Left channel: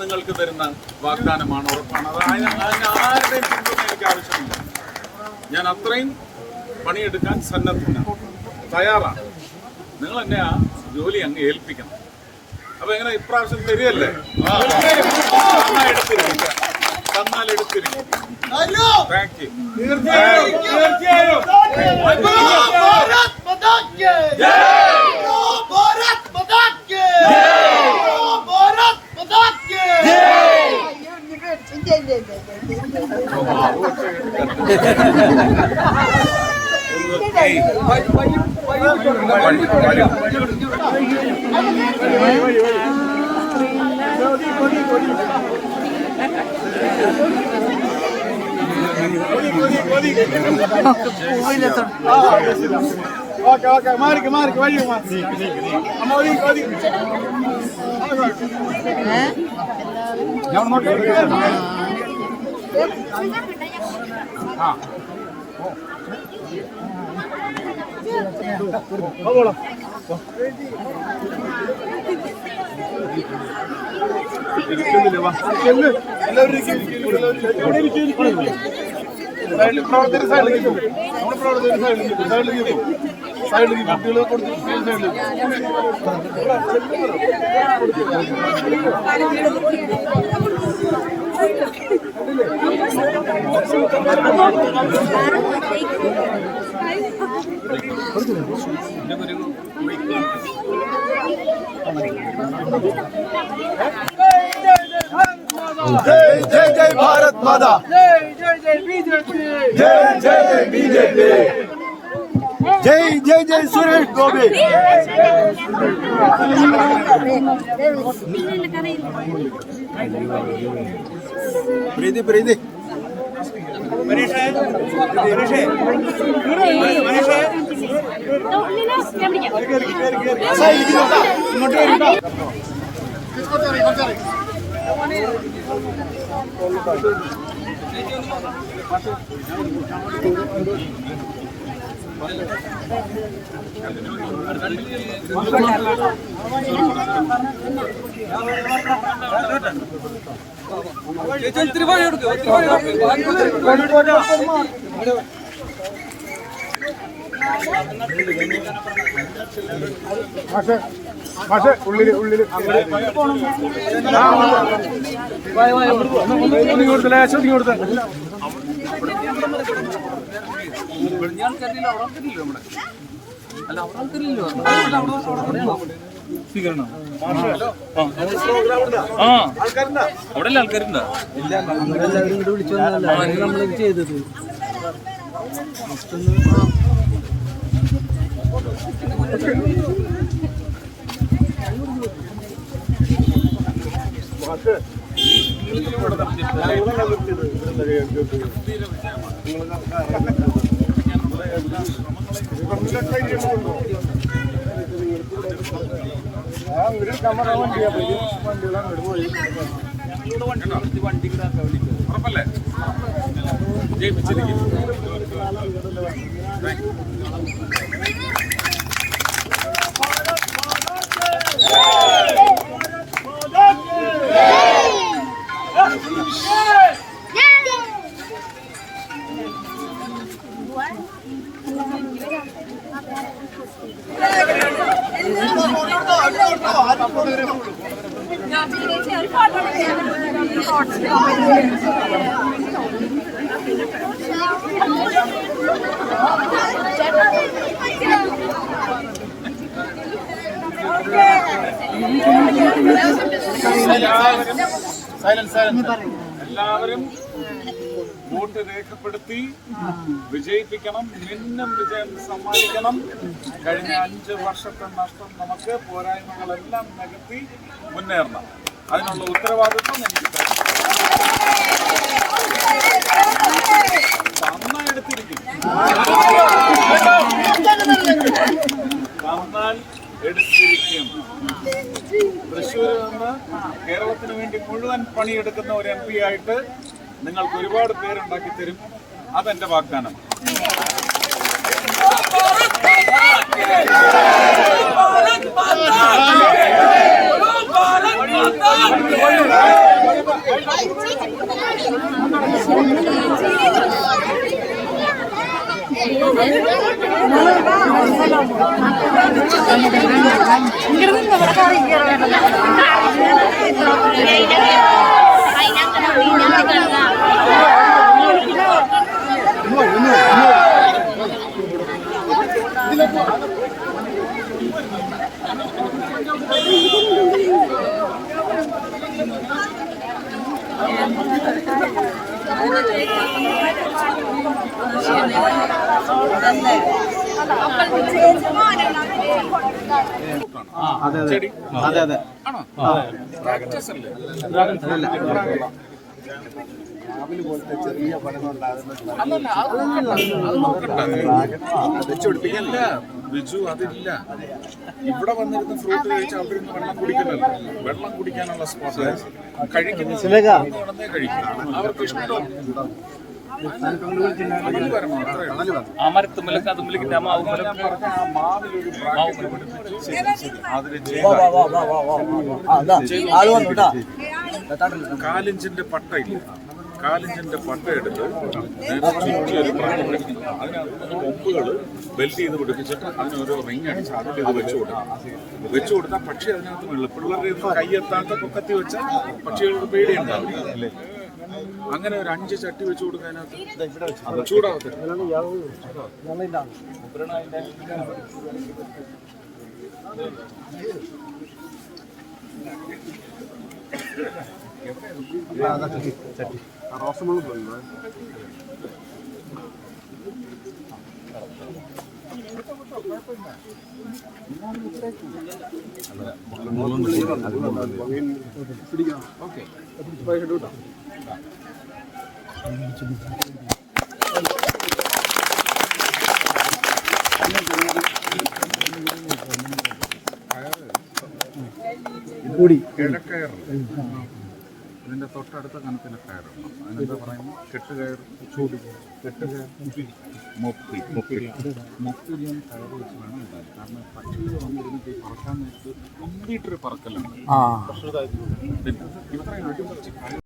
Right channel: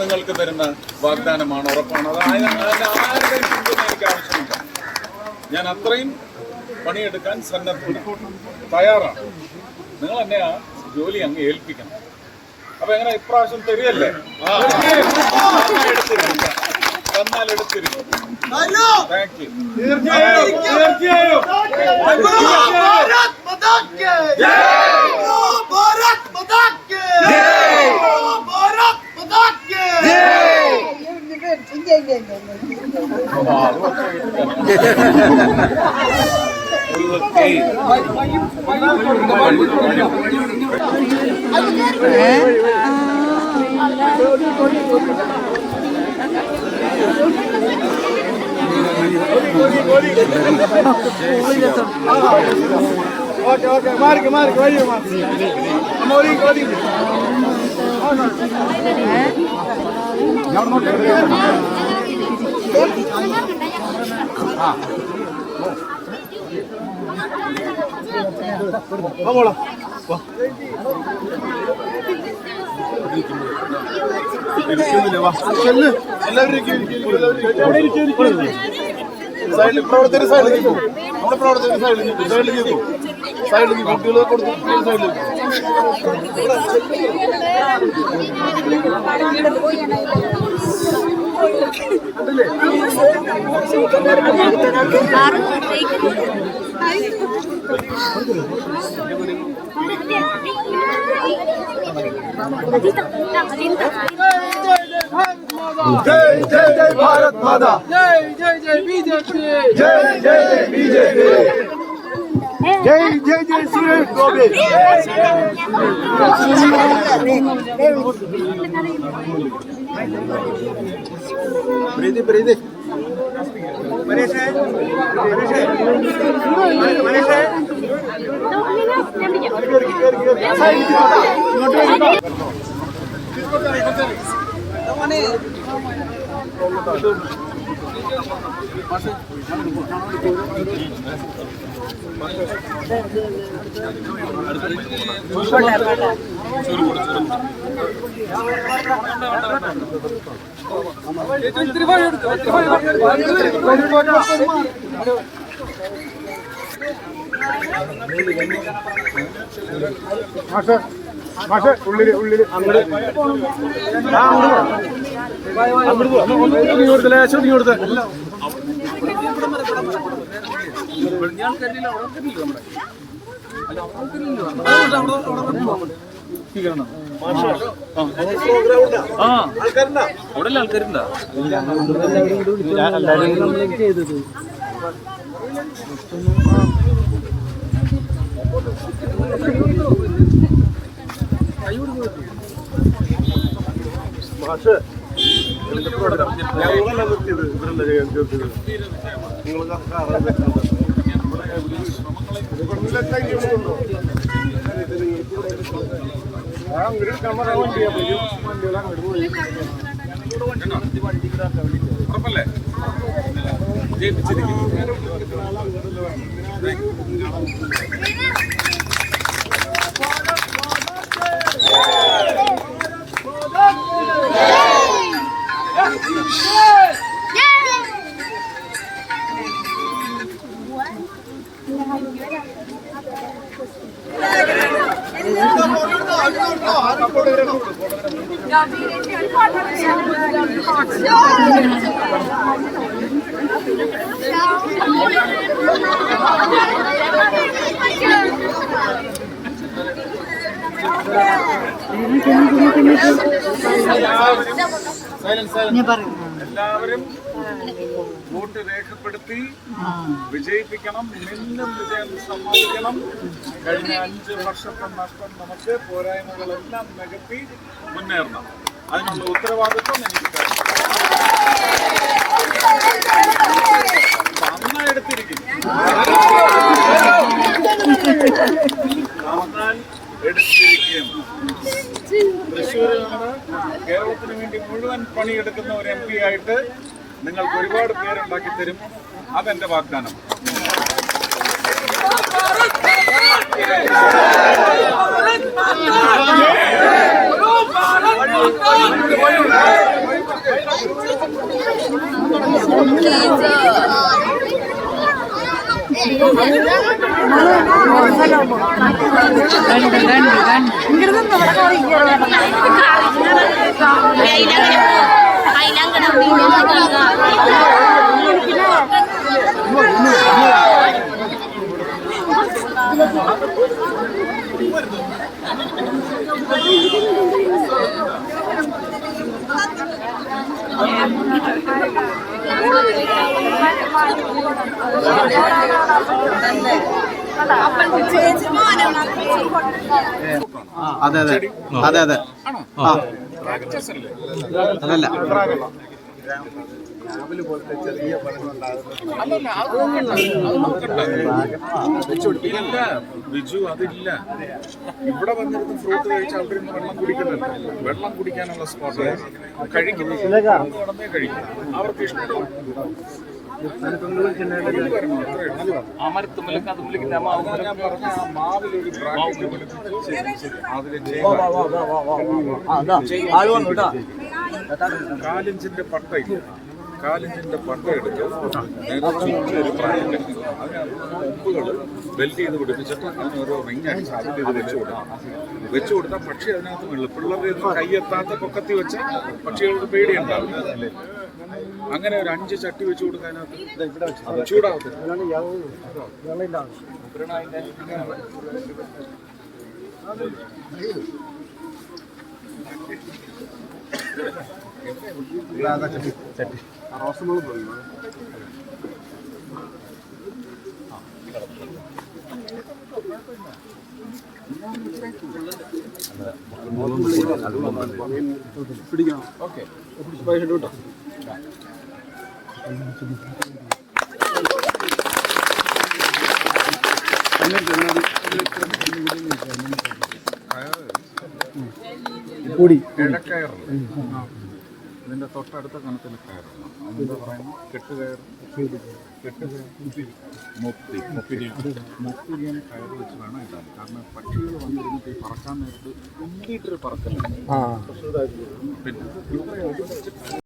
നിങ്ങൾക്ക് തരുന്ന വാഗ്ദാനമാണ്, ഉറപ്പാണ്. അതായത് ആരുടെയും പിന്തുണ എനിക്ക് ആവശ്യമില്ല. ഞാൻ അത്രയും പണിയെടുക്കാൻ സന്നദ്ധമാണ്, തയ്യാറാണ്. നിങ്ങൾ എന്നെ ആ ജോലി അങ്ങ് ഏൽപ്പിക്കണം. അപ്പൊ എങ്ങനെ ഇപ്രാവശ്യം തരികയല്ലേ? തന്നാൽ എടുത്തിരിക്കും. Thank you. തീർച്ചയായും जय जय जय भारत माता, जय जय जय बीजेपी, जय जय जय बीजेपी, जय जय जय सुरेश गोपी, प्रीति प्रीति ഉള്ളില് ഉള്ളില് ലേശം കൊടുത്ത അവിടെ ആൾക്കാരുണ്ടോ? ചെയ്തത് ഉറപ്പല്ലേ? ജയിപ്പിച്ചിരിക്കും. എല്ലാവരും വോട്ട് രേഖപ്പെടുത്തി വിജയിപ്പിക്കണം. മിന്നും വിജയം സമ്മാനിക്കണം. കഴിഞ്ഞ 5 വർഷത്തെ നഷ്ടം നമുക്ക് പോരായ്മകളെല്ലാം നികത്തി മുന്നേറണം. അതിനുള്ള ഉത്തരവാദിത്വം എനിക്ക് നന്നായി എടുത്തിരിക്കുന്നു. നന്നാൽ എടുത്തിരിക്കും. തൃശ്ശൂരിൽ നിന്ന് കേരളത്തിന് വേണ്ടി മുഴുവൻ പണിയെടുക്കുന്ന ഒരു MP ആയിട്ട് നിങ്ങൾക്ക് ഒരുപാട് പേരുണ്ടാക്കി തരും. അതെന്റെ വാഗ്ദാനം. ഇങ്ങോട്ട് ഇവിടെ കയറി അതെ അതെ അതെ അതെ ആണോ? പ്രാക്ടീസ് അല്ലേ? അതല്ല അല്ലല്ല, അത് നോക്കണ്ട. ഇല്ല ബിജു, അതില്ല. ഇവിടെ വന്നിരുന്ന് ഫ്രൂട്ട് കഴിച്ച് അവിടെ ഇരുന്ന് വെള്ളം കുടിക്കുന്നില്ല. വെള്ളം കുടിക്കാനുള്ള സ്പോട്ട് കഴിക്കുന്നത് നടന്നേ കഴിക്കും. അവർക്ക് ഇഷ്ടം ഞാൻ പറഞ്ഞ ആ മാവിലൊരു ബ്രാക്കറ്റ് പിടിപ്പിച്ച് അതിൽ കാലിഞ്ചിന്റെ പട്ടയില്ല, കാലിഞ്ചിന്റെ പട്ട എടുത്ത് നേരെ ചുറ്റി ഒരു പ്രായം പിടിക്കും. അതിനകത്ത് കൊമ്പുകൾ ബെൽറ്റ് ചെയ്ത് പിടിപ്പിച്ചിട്ട് അതിന് ഓരോ റിങ് അടിച്ച് അതിൽ ഇത് വെച്ചു കൊടുത്താൽ പക്ഷി അതിനകത്ത് വീഴും. പിള്ളേരുടെ കൈയെത്താത്ത പൊക്കത്തി വെച്ചാൽ പക്ഷികൾക്ക് പേടിയുണ്ടാവില്ല. അങ്ങനെ ഒരു 5 ചട്ടി വെച്ച് കൊടുക്കാനകത്ത് ചൂടാവത്തില്ല. ഓക്കെ കിഴക്കയറില്ല, ഇതിന്റെ തൊട്ടടുത്ത കണത്തിന് കയറണം. അതിനെന്താ പറയുന്നത്? കെട്ടുകയർ, മുപ്പിരിയൻ കയറ് വെച്ച് വേണം ഇടാൻ. കാരണം പക്ഷികൾ വന്നിരുന്നിട്ട് ഈ പറക്കാൻ നേരത്ത് കംപ്ലീറ്റൊരു പറക്കലുണ്ട്. പിന്നെ